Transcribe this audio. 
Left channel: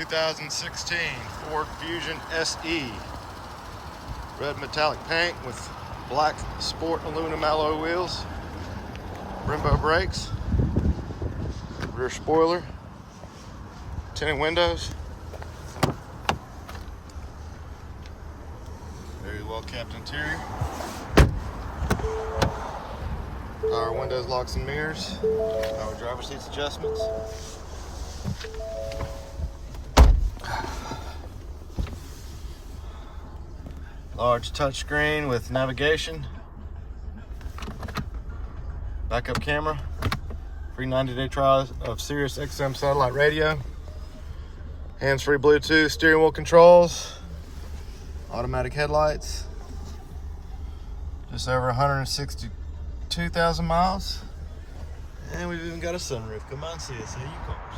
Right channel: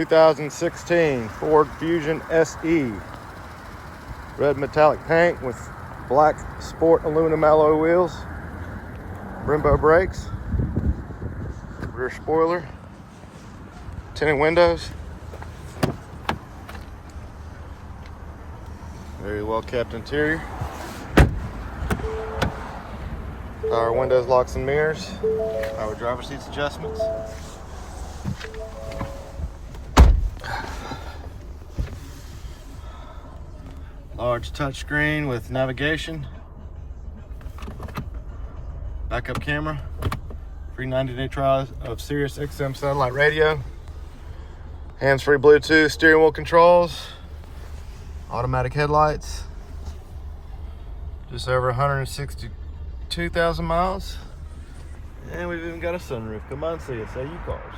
2016 Ford Fusion SE. Red metallic paint with black sport aluminum alloy wheels. Brembo brakes. Rear spoiler. Tinted windows. Very well kept interior. Power windows, locks and mirrors. Power driver seats adjustments. Large touchscreen with navigation. Backup camera. Free 90-day trial of Sirius XM satellite radio. Hands-free Bluetooth steering wheel controls. Automatic headlights. Just over 162,000 miles. And we've even got a sunroof. Come on, see us. Hey, you cars.